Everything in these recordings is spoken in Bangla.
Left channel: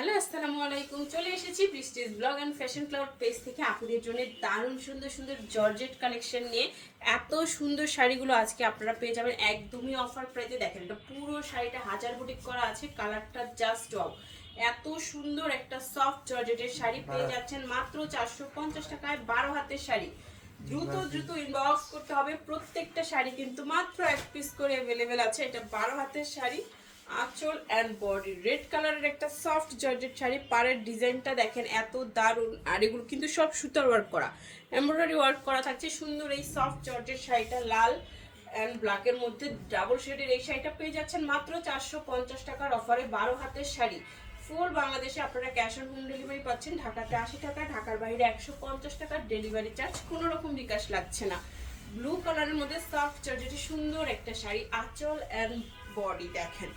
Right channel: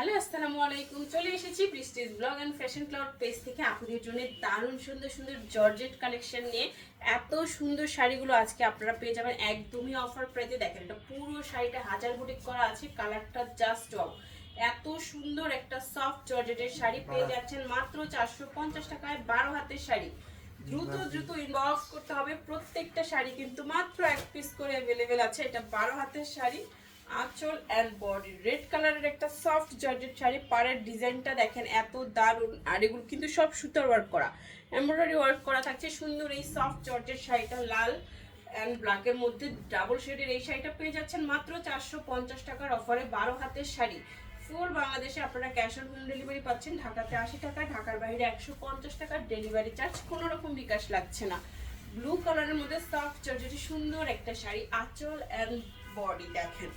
হ্যালো আসসালামু আলাইকুম। চলে এসেছি prestige blog and fashion cloud page থেকে আপনাদের জন্য দারুণ সুন্দর সুন্দর জর্জেট কালেকশন নিয়ে। এত সুন্দর শাড়িগুলো আজকে আপনারা পেয়ে যাবেন একদমই অফার প্রাইসে। দেখেন এটা পুরো শাড়িটা হাজার বুটিক করা আছে, কালারটা জাস্ট ওয়াও। এত সুন্দর একটা সফট জর্জেটের শাড়ি পেয়ে যাচ্ছেন মাত্র 450 টাকায়। 12 হাতের শাড়ি, দ্রুত দ্রুত ইনবক্স করতে হবে। প্রত্যেকটা শাড়ি কিন্তু মাত্র এক পিস করে অ্যাভেলেবেল আছে। এটা 12 হাতের শাড়ি, আঁচল অ্যান্ড বডি রেড কালারের একটা সফট জর্জেট শাড়ি। পাড়ের ডিজাইনটা দেখেন এত দারুণ, আর এগুলো কিন্তু সব সুতার ওয়ার্ক করা, এমব্রয়ডারি ওয়ার্ক করা থাকছে। সুন্দর এই সফট জর্জেট শাড়িটা লাল অ্যান্ড ব্ল্যাকের মধ্যে ডাবল শেডের এই শাড়িটা পেয়ে যাচ্ছেন মাত্র 450 টাকার অফারে। 12 হাতের শাড়ি, ফুল বাংলাদেশে আপনারা ক্যাশ অন হোম ডেলিভারি পাচ্ছেন। ঢাকাতে 80 টাকা, ঢাকার বাইরে 150 টাকার ডেলিভারি চার্জ, কোনো রকম বিকাশ লাগছে না। ব্লু কালারের মধ্যে সফট জর্জেটে সুন্দর একটা শাড়ি, আঁচল অ্যান্ড বডি দেখেন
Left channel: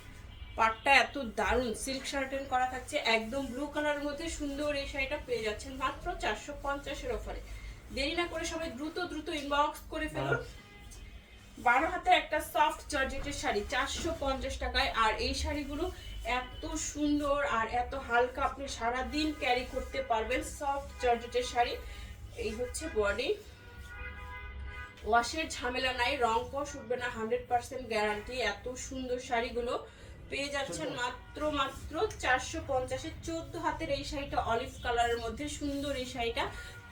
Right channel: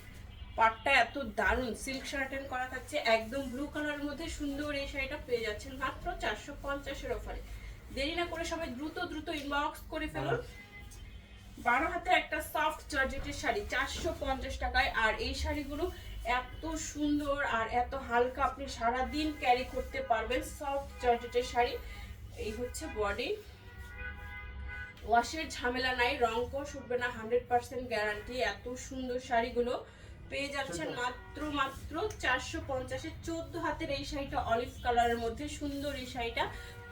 পাটটা এত দারুণ সিল্ক শার্টেন করা থাকছে। একদম ব্লু কালারের মধ্যে সুন্দর এই শাড়িটা পেয়ে যাচ্ছেন মাত্র 450-এর অফারে। দেরি না করে সবাই দ্রুত দ্রুত ইনবক্স করে ফেলুন। 12 হাতে একটা সফট জর্জেটের শাড়ি 450 টাকায়। আর এই শাড়িগুলো এত সুন্দর আর এত হালকা, আপনি সারাদিন ক্যারি করতে পারবেন। সফট জর্জেটের শাড়ি, এই হচ্ছে বডি, ওয়াশের ঝামেলা নাই, রং কষ উঠবে না, 100% গ্যারান্টি। এত সুন্দর শাড়িগুলো পেয়ে যাচ্ছেন মাত্র 450-এ। 14 হাতের এই শাড়িটা অলিভ কালারের মধ্যে সুন্দর এই শাড়িটা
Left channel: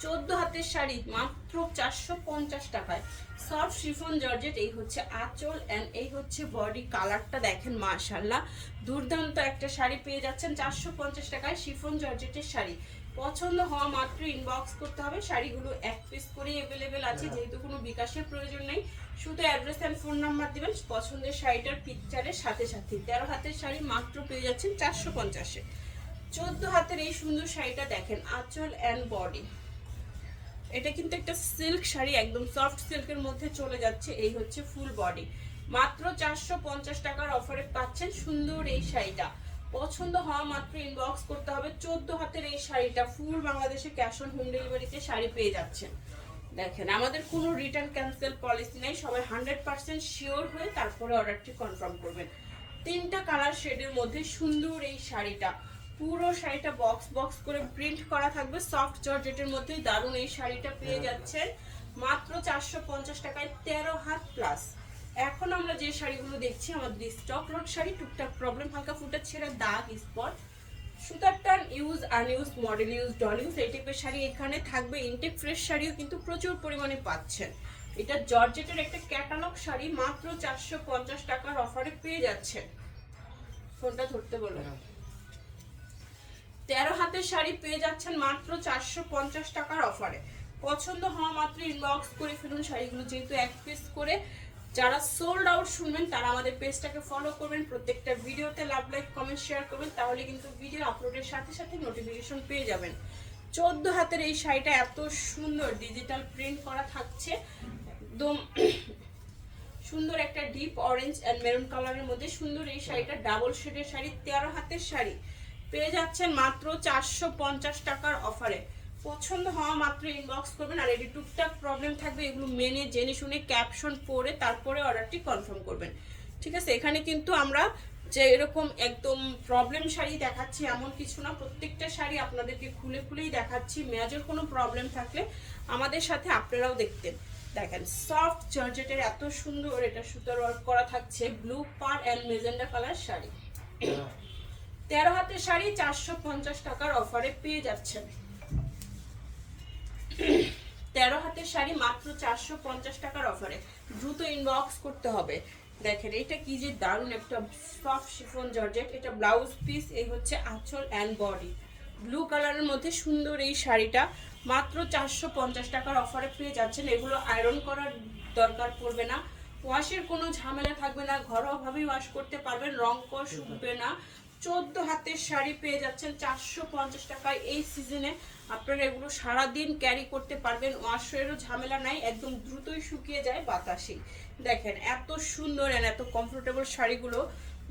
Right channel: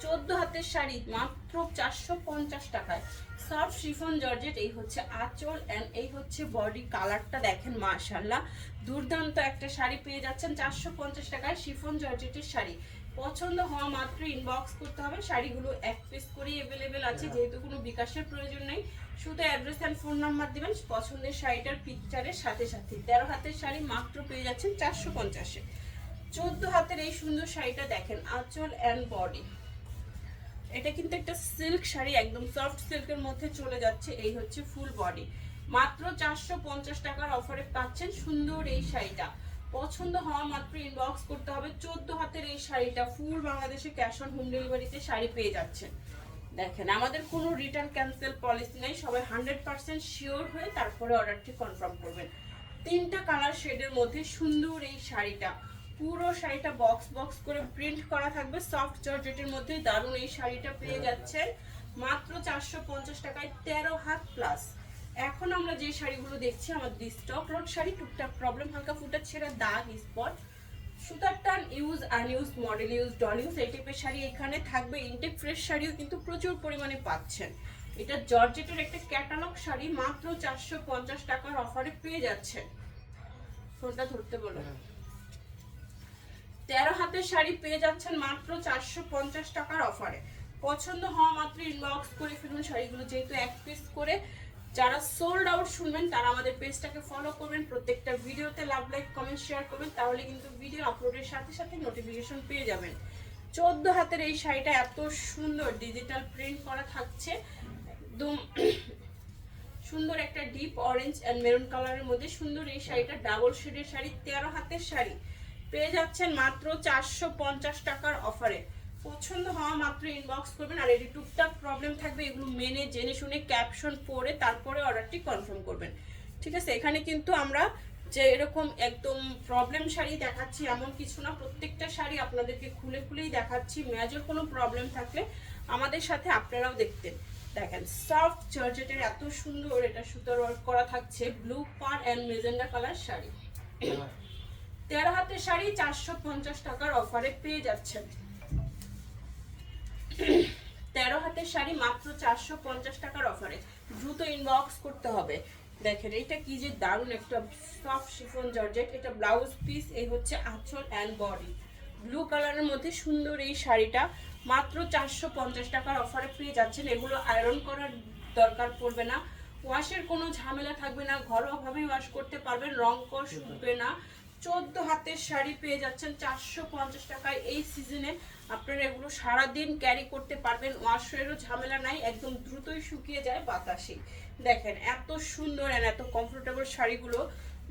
14 হাতের শাড়ি মাত্র 450 টাকায়। সফট শিফন জর্জেট, এই হচ্ছে আঁচল এন্ড এই হচ্ছে বডি। কালারটা দেখেন মাশাআল্লাহ, দুর্দান্ত একটা শাড়ি পেয়ে যাচ্ছেন 450 টাকায়। শিফন জর্জেটের শাড়ি পছন্দ হওয়া মাত্র ইনবক্স করতে হবে। শাড়িগুলো এক পিস করেই অ্যাভেলেবেল আছে, যেহেতু কোনো বিকাশের প্রয়োজন নেই। শুধু অ্যাড্রেস অ্যান্ড ফোন নাম্বার দিবেন পছন্দের শাড়িটার পিকচারের সাথে সাথে। 13 হাতের শাড়ি মাত্র পেয়ে যাচ্ছেন 450-এ। 14 হাতের এই সুন্দর শাড়িটা দেখেন, আঁচল অ্যান্ড বডি। এটা কিন্তু একটা সিল্ক শাড়ি, একদম সফট সিল্কের মধ্যে চলে যাচ্ছে। এই হচ্ছে ফুল বডি, মাত্র 450 টাকার অফারে পাচ্ছেন সুন্দর এই শাড়িটা। পছন্দ হওয়া মাত্র ইনবক্স করতে হবে। 14 হাতের এই শাড়িটা ফুল বাংলাদেশে ক্যাশ অন হোম ডেলিভারিতে শাড়ি পেয়ে যাচ্ছেন। দেখেন আমাদের কোনো রিটার্ন ক্যান্সেল পলিসি নেই, সবাই 100% শিওর হয়ে তারপরে অর্ডারটি কনফার্ম করবেন। 3টা কালার শেডের মধ্যে সুন্দর এই শাড়িটা, পুরো শাড়িটা বক্স বক্স করে প্রিন্ট করা থাকবে সফট জর্জেটের মধ্যে। দারুণ এই শাড়িটা পেয়ে যাচ্ছেন মাত্র 450 টাকায়। 13 হাত প্লাস। এখন আমরা যে শাড়িগুলো দেখছি আমাদের স্টক লট শাড়ি, টুকটাক প্রবলেম, হালকা ফুটা ছেঁড়া, দাগ, স্পট, সুতার টান, use আনইউজ, model use, doll use, এই টাইপের শাড়ি এখানে থাকবে। ইনটেক ফ্রেশ শাড়িও কিন্তু প্রচুর পরিমাণে পাচ্ছেন। এটা জর্জেটের একটা ক্যাটালগ শাড়ি, মাত্র 450 টাকার অফারে পেয়ে যাচ্ছেন। ফোনটা ধরতে বলো। 13 হাতের শাড়ি পেয়ে যাচ্ছেন মাত্র 450 টাকার অফারে। পছন্দ হওয়া মাত্র ইনবক্স করে ফেলুন শাড়িগুলো, যেহেতু এক পিস করে। যারা সোল্ড আউট শুনবেন তারা আমাদের পেজটাকে ফলো করবেন, প্রত্যেকটা ভিডিওতে লাভ, লাইক, কমেন্ট, শেয়ার করবেন, তাহলে কিন্তু ভিডিও আপলোডের সাথে সাথে নোটিফিকেশন পেয়ে যাবেন। 14 হাতের এই শাড়িটা এত সুন্দর ডিজিটাল প্রিন্ট করা থাকছে, একদম সুন্দর একটা ডিপ অরেঞ্জ অ্যান্ড মেরুন কালারের মধ্যে সুন্দর এই শাড়িটা ডাবল শেডের শাড়ি। 13 হাতের শাড়ি পেয়ে যাচ্ছেন মাত্র 450 টাকার অফারে। পছন্দ হওয়া মাত্র ইনবক্স করবেন। আর এটি টুকটাক প্রবলেম থাকবে, এগুলো মেনে জেনে শুনে ক্যাপশন পড়ে তারপরে অর্ডারটি কনফার্ম করবেন, ঠিক আছে? এখানে কিন্তু আমরা যে এরকম একদম প্রবলেম শাড়ি দেখাচ্ছি এমন কিছু না, প্রত্যেকটা শাড়ি আপনাদেরকে খুলে খুলেই দেখাচ্ছি। মেজর কোনো প্রবলেম থাকলে আমাদের সাথে আপনারাও দেখতেন। দেখেন সফট জর্জেটের এত সুন্দর এটা সুতার ওয়ার্ক করা থাকছে, blue per and magenta colour sari. 13 হাতের শাড়ি 450 টাকার অফারে পেয়ে যাচ্ছেন। 13 হাতের শাড়ি মাত্র 450 টাকার অফারে, দ্রুত ইনবক্স করতে হবে। দেখেন এটা কি যে দারুণ একটা সফট শিফন জর্জেট। এটা ব্লাউজ পিস, এই হচ্ছে আঁচল অ্যান্ড বডি। ব্লু কালারের মধ্যে সুন্দর এই শাড়িটা মাত্র 450 টাকার অফারে পেয়ে যাচ্ছেন। এগুলো আয়রন করার দরকার পড়বে না, ওয়াশের কোনো ঝামেলা থাকবে না, ঘরোয়াভাবেই ওয়াশ করতে পারবেন, রং কষ উঠবে না। 14 হাতের শাড়ি পেয়ে যাচ্ছেন 450 টাকায়। এই সিজনে আপনারা এগুলো সারাদিন ক্যারি করতে পারবেন, ওয়াশেরও ঝামেলা নাই, একদম দ্রুতই শুকিয়ে যায় বাতাসে। দেখেন এত সুন্দর আর এত কমফোর্টেবল শাড়িগুলো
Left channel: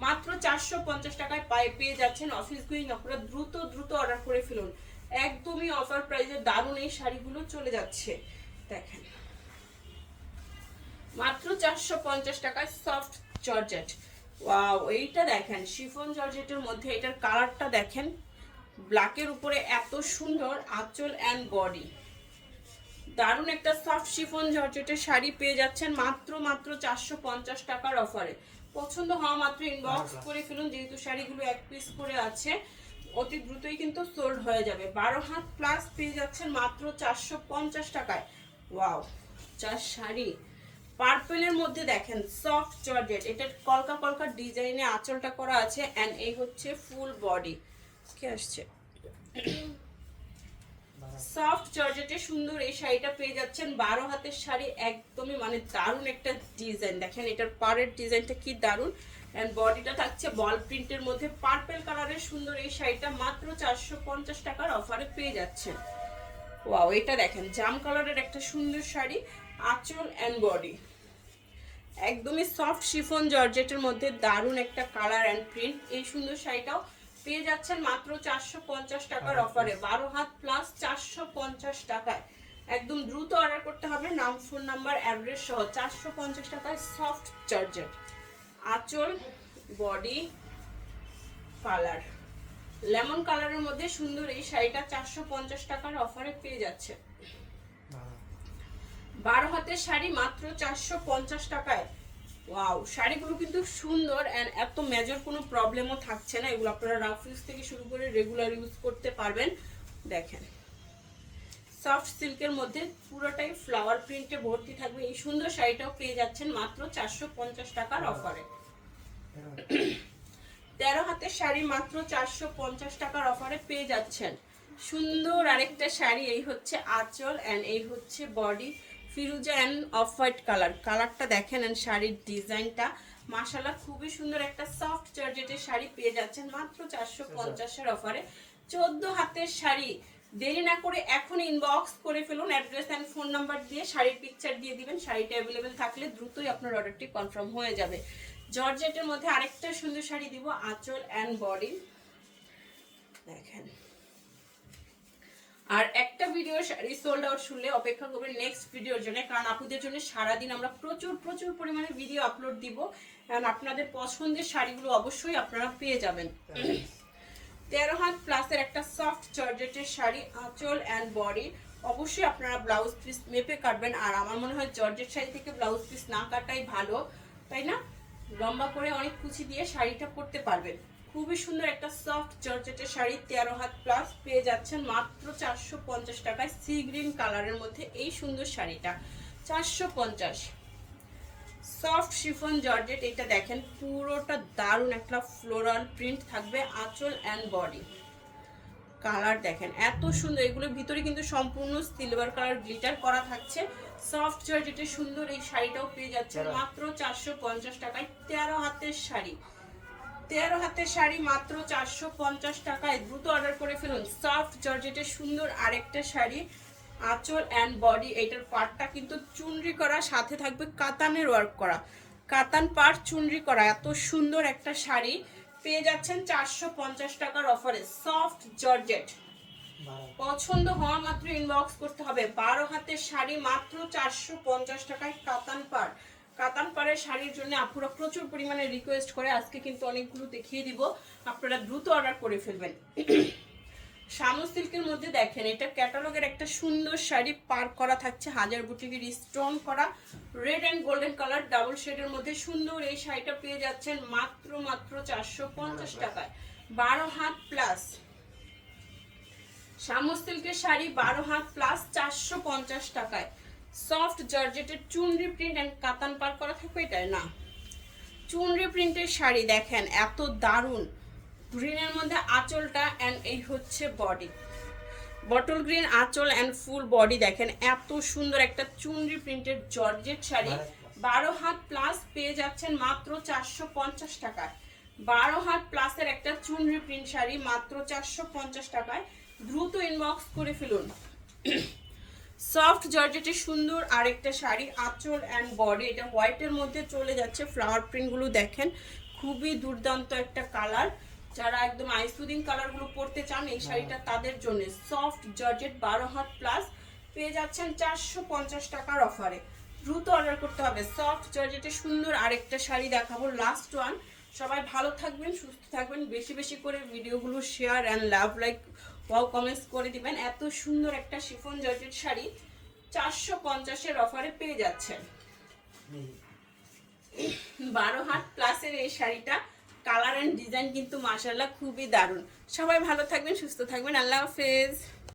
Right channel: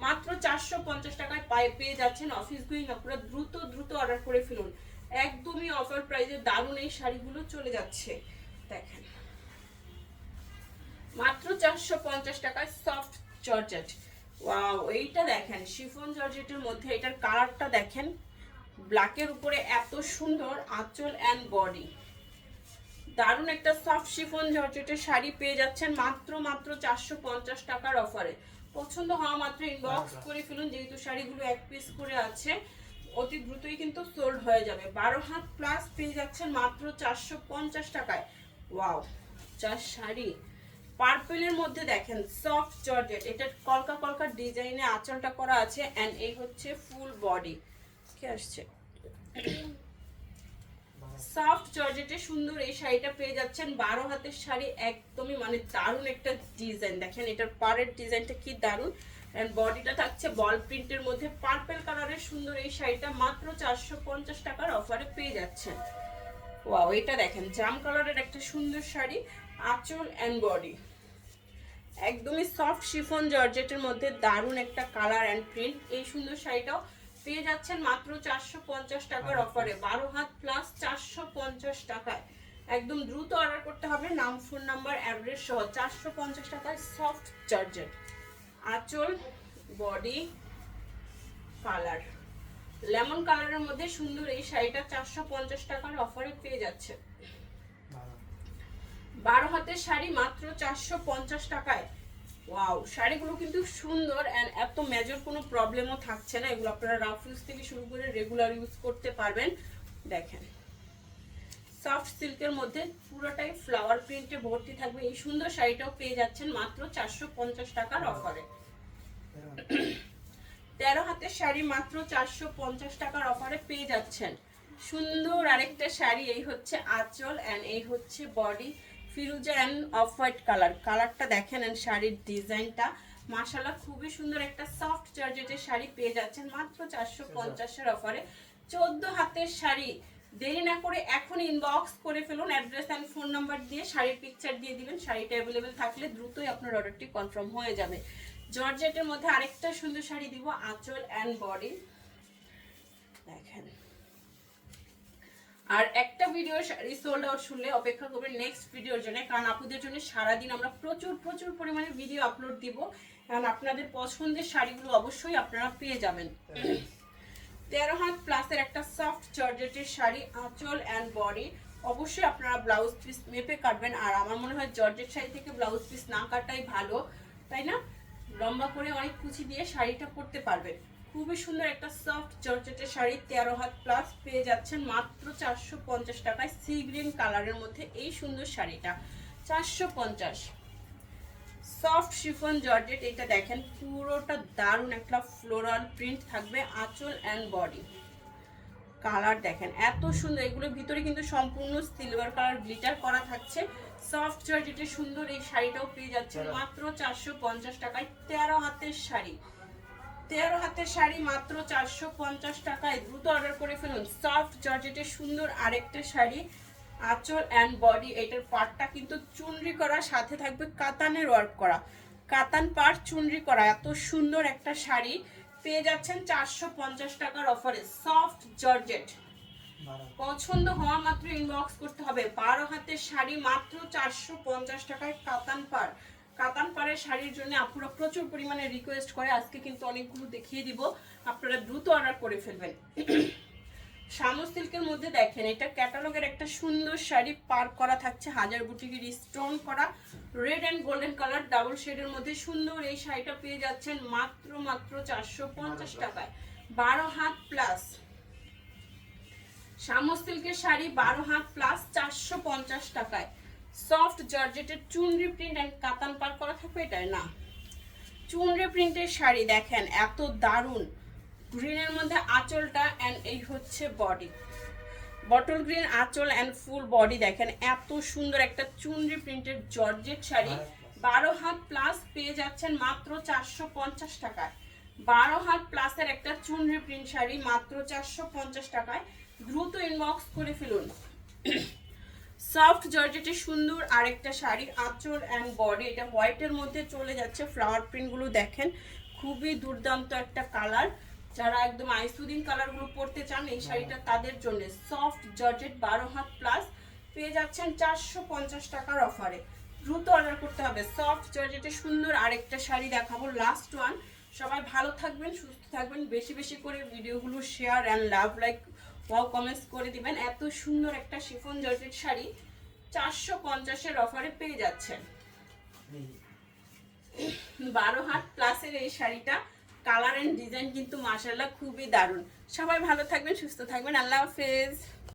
মাত্র 450 টাকায় পেয়ে যাচ্ছেন। অফিস গোয়িং আপনারা দ্রুত দ্রুত অর্ডার করে ফেলুন, একদমই অফার প্রাইসে দারুণ এই শাড়িগুলো চলে যাচ্ছে। দেখেন মাত্র 450 টাকায় সফট জর্জেট। ওয়াও, এইটা দেখেন শিফন জর্জেটের মধ্যে, এটার কালারটা দেখেন ব্ল্যাকের উপরে এত সুন্দর আঁচল অ্যান্ড বডি, দারুণ একটা সফট শিফন জর্জেটের শাড়ি পেয়ে যাচ্ছেন মাত্র 450 টাকার অফারে। পছন্দ হওয়া মাত্র ইনবক্স করে ফেলুন, যেহেতু শাড়িগুলো এক পিস করে আছে অতি দ্রুতই কিন্তু সোল্ড হয়ে যাবে। 12 হাত প্লাস পেয়ে যাচ্ছেন মাত্র 450 টাকায়। ওয়াও, যা শাড়ি! পার্পলের মধ্যে দেখেন সফট জর্জেট, এটা কলকা কলকা ডিজাইনে আঁচলটা করা আছে এন্ড এই হচ্ছে ফুল বডি। কি আসছে সফট জর্জেটে সুন্দর এই শাড়িটা পেয়ে যাচ্ছেন 12 হাতের শাড়ি, একদমই মানে দারুণ একটা ডিজাইন। দেখেন এটার পাড়ের ডিজাইনটা কি দারুণ, এন্ড বডিটা থাকছে বল প্রিন্টের মধ্যে পার্পল কালারের সুন্দর এই শাড়িটা মাত্র 450 টাকার অফারে পেয়ে যাচ্ছেন। ওয়াও, এটা দেখেন জাম কালারের একটা সুন্দর শাড়ি, আঁচল এন্ড বডি একদমই সফট শিফন জর্জেটের মধ্যে দারুণ একটা কালার এন্ড প্রিন্ট। এই সুন্দর শাড়িটাও পেয়ে যাচ্ছেন মাত্র 450 টাকার অফারে। 12 হাত প্লাস 450 টাকায়। একদম দ্রুত অর্ডার করতে হবে, নাম ফোন নাম্বার অ্যাড্রেস সহ। 450 টাকায় সফট জর্জেট, আঁচল বডি কালার লেমন কালারের মধ্যে সুন্দর এই শাড়িটা 450 টাকার অফারে পেয়ে যাচ্ছে। 12 হাতের শাড়ি মাত্র 450 টাকায়। ওয়াও, শাড়িগুলো কিন্তু সুন্দর এন্ড এত মেজর কোনো প্রবলেমও থাকছে না। এগুলো আপনারা রাফ ইউজ থেকে শুরু করে রেগুলার ইউজ করতে পারবেন। দেখেন সফট সিল্কের মধ্যে পুরোটাই ফ্লাওয়ার প্রিন্টে ভর্তি থাকবে। এই সুন্দর শাড়িটাও পেয়ে যাচ্ছেন মাত্র 450 টাকার অফারে। 13 হাতের শাড়ি মাত্র 450 টাকার অফারে পেয়ে যাচ্ছেন। সুন্দর আরেকটা শাড়ি, এই হচ্ছে আঁচল এন্ড এই হচ্ছে বডি, ফিরোজা এন্ড অফ হোয়াইট কালার। কালারটা দেখেন এন্ড শাড়ির ডিজাইনটা মাশাআল্লাহ খুবই সুন্দর একটা সফট জর্জেটের শাড়ি পেয়ে যাচ্ছেন মাত্র 450 এর অফারে। 14 হাতের শাড়ি, দেরি না করে এখন ইনবক্স করে ফেলুন, অ্যাড্রেস এন্ড ফোন নাম্বার দিয়ে শাড়ির পিকচার দিয়ে দিবেন। শাড়িটা অ্যাভেলেবেল থাকলে দ্রুতই আপনার অর্ডারটি কনফার্ম হয়ে যাবে। জর্জেটের মধ্যে আরেকটা সুন্দর শাড়ি দিব, আঁচল এন্ড বডি দেখেন। আর একটা ভিডিও শাড়ি সোল্ড আউট শুনলে অপেক্ষা করবেন নেক্সট ভিডিওর জন্য, কারণ আপুদের জন্য সারাদিন আমরা প্রচুর পরিমাণে ভিডিও আপলোড দিব, কারণ আপনাদের পছন্দের শাড়িগুলো অবশ্যই আপনারা পেয়ে যাবেন। 13 হাত প্লাসের একটা সফট জর্জেটের শাড়ি, আঁচল এন্ড বডি। অবশ্যই আপনারা ব্লাউজ পিস মেপে কাটবেন, আর আমার মনে হয় জর্জেট শাড়ি থেকে ব্লাউজ পিস না কাটাই ভালো, তাই না? লম্বা করে অনেক কুচি দিয়ে শাড়িটা পরতে পারবেন। খুবই সুন্দর একটা সফট জর্জেটের শাড়ি, 13 হাত প্লাস পেয়ে যাচ্ছেন মাত্র 450 টাকায়। সি গ্রিন কালারের মধ্যে এই সুন্দর শাড়িটা 450। সফট শিফন জর্জেট, এটা দেখেন পুরোটা দারুণ একটা ফ্লোরাল প্রিন্ট থাকবে, আঁচল এন্ড বডি কালার দেখেন এত সুন্দর। এগুলোর ভিতরে কিন্তু সম্পূর্ণ সিলভার কালার গ্লিটার করা থাকছে। সফট জর্জেটের সুন্দর এই শাড়িটাও পেয়ে যাচ্ছেন মাত্র 450 টাকায়। 13 হাতের শাড়ি, 13 হাতের শাড়ি মাত্র 450 টাকায়। দ্রুত অর্ডার করে ফেলুন। সফট জর্জেটের সুন্দর আরেকটা শাড়ি, আঁচল এন্ড বডি। এটার পাড়টা কিন্তু চুনরি করা, সাথে থাকবে কাতানের ওয়ার্ক করা, কাতান পাড় চুনরি করা। এত সুন্দর একটা শাড়ি পেয়ে যাচ্ছেন 450 টাকার অফারে। সফট জর্জেট, পছন্দ হওয়া মাত্র ইনবক্স করতে হবে। 12 হাতের শাড়ি মাত্র 450 টাকায়, কাতান পাড়। কাতান পাড়ের শাড়ির জন্য আপুরা প্রচুর পরিমাণে রিকোয়েস্ট করে, আজকে কিন্তু অনেকগুলো দেখিয়ে দিব, আপনারা দ্রুত অর্ডার করে ফেলবেন। শামু সিল্কের মধ্যে দেখেন এটা ক্যাটালগের একটা সুন্দর শাড়ি, পার করা থাকছে হাজার বুটিকের স্টোন করা, red and golden colour double শেডের মধ্যে সুন্দর এই শাড়িটা পেয়ে যাচ্ছেন মাত্র 450 টাকায়। 12 হাত প্লাস শামু সিল্কের শাড়ি, 12 হাত প্লাস 450 টাকায়। সফট জর্জেটের চুনরি প্রিন্ট এন্ড কাতান পার করা থাকবে, এটাই না চুনরি প্রিন্টের শাড়ি দেখেন এত দারুণ। গ্রিনের মধ্যে আঁচলটা এন্ড এই হচ্ছে বডি, বটল গ্রিন আঁচল এন্ড ফুল বডি দেখেন এত সুন্দর একটা চুনরি প্রিন্টের জর্জেট শাড়ি। 12 হাত প্লাস পেয়ে যাচ্ছেন মাত্র 450 টাকায়। 12 হাত প্লাসের একটা চুনরি প্রিন্ট শাড়ি মাত্র 450 টাকায়। দ্রুত ইনবক্স করে ফেলুন। সফট জর্জেটের সুন্দর আরেকটা শাড়ি, আঁচল এন্ড বডি। এটা হোয়াইটের মধ্যে চলে যাচ্ছে, ফ্লাওয়ার প্রিন্টগুলো দেখেন খুবই দুর্দান্ত একটা কালার। যারা একদম আইসুদিন কালারগুলো পরতে চান এই শাড়িটা তাদের জন্য। সফট জর্জেট 12 হাত প্লাস পেয়ে যাচ্ছেন 450 টাকার অফারে। দ্রুত অর্ডার করতে হবে। সফট জর্জেটের সুন্দর আরেকটা শাড়ি দেখাবো, লাস্ট ওয়ান। সবাই ভালো থাকবেন, সুস্থ থাকবেন, বেশি বেশি করে ভিডিওগুলো share and love like wow comments করে দিবেন। এত সুন্দর একটা শিফন জর্জেট শাড়ি 450-এর অফারে পেয়ে যাচ্ছেন। 12 হাত প্লাসের এই শাড়িটা, কালার এন্ড ডিজাইন কিন্তু মাশাআল্লাহ খুবই দারুণ। সবাই ভালো থাকবেন, সুস্থ থাকবেন, আল্লাহ হাফেজ।